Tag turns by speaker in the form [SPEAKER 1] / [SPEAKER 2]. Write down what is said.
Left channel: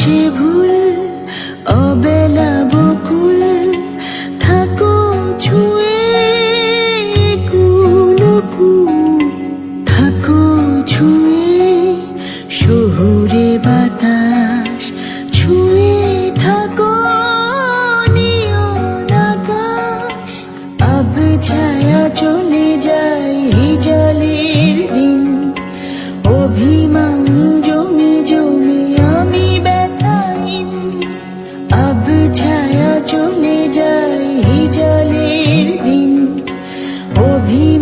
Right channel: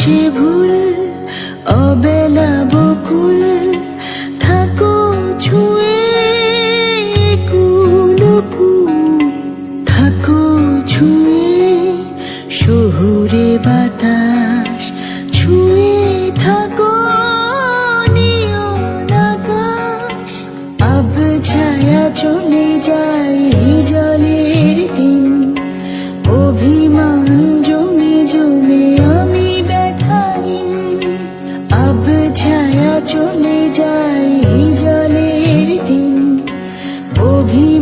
[SPEAKER 1] সে ভুল অবেলা বকুল থাকো ছুঁয়ে কুলকু থাকো ছুঁয়ে শহুরে বাতাস।